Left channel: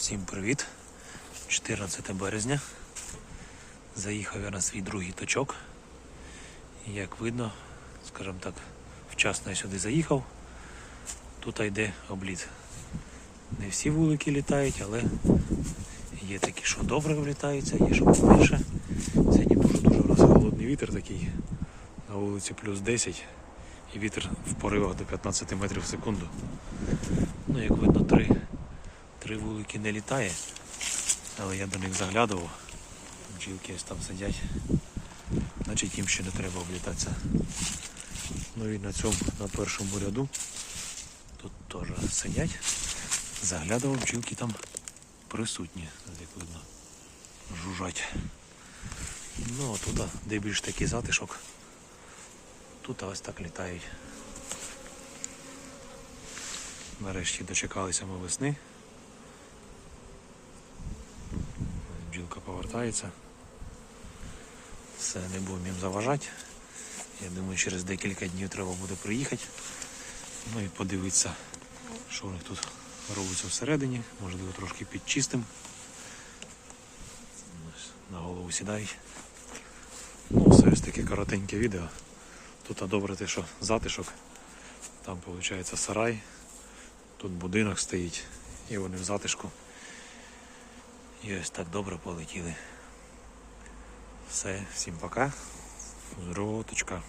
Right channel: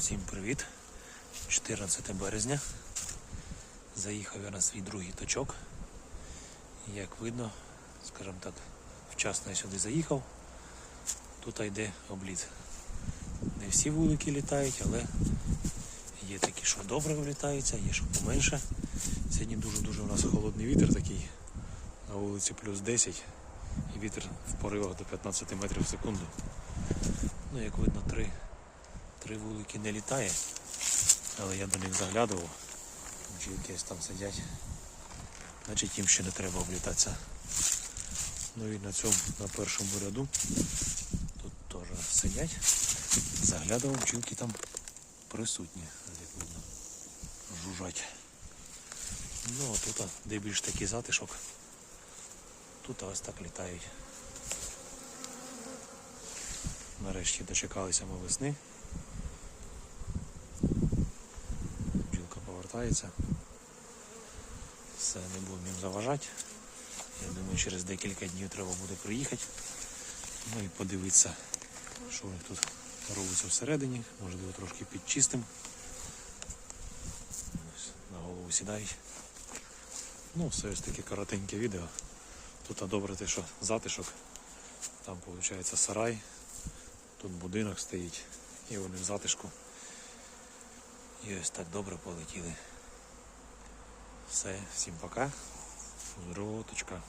Всім привіт! 14 березня. Заїхав я на свій другий точок. І як видно, скажімо так, вчасно я сюди заїхав. Тут йде обліт. Не всі вулики літають, але є такі, що добре влітаються, є що поменше. Сьогодні дуже-дуже у нас холодний вітер такий. На вулиці плюс 10 і вітер в поривах до 15 метрів в секунду. Ну, як видно, три, три вулики не літає, але я до них заглядував. Бджілки там сидять. Значить їм ще не треба облітатися. Ну і на цьому, на першому ряду, тут теж сидять. Заглядував, бджілки там присутні, як видно, жужжать. Ну, а тут, де більш такий затишок, тут ось так літають. Нарешті дочекалися ми весни. Повертається. Все, не будемо їм заважати. Я думаю, через декілька днів треба буде приїхати. Ну і подивитися, що у них тут робиться всередині. Можливо, трошки підчистим. На голову сідають. Ну, все ось таке коротеньке відео. Тут добре те, що затишок. Там виходить сарай. Тут будинок стоїть і вони в затишку. І ось так добре полетіли. Все, всім пока. Здорово, точка.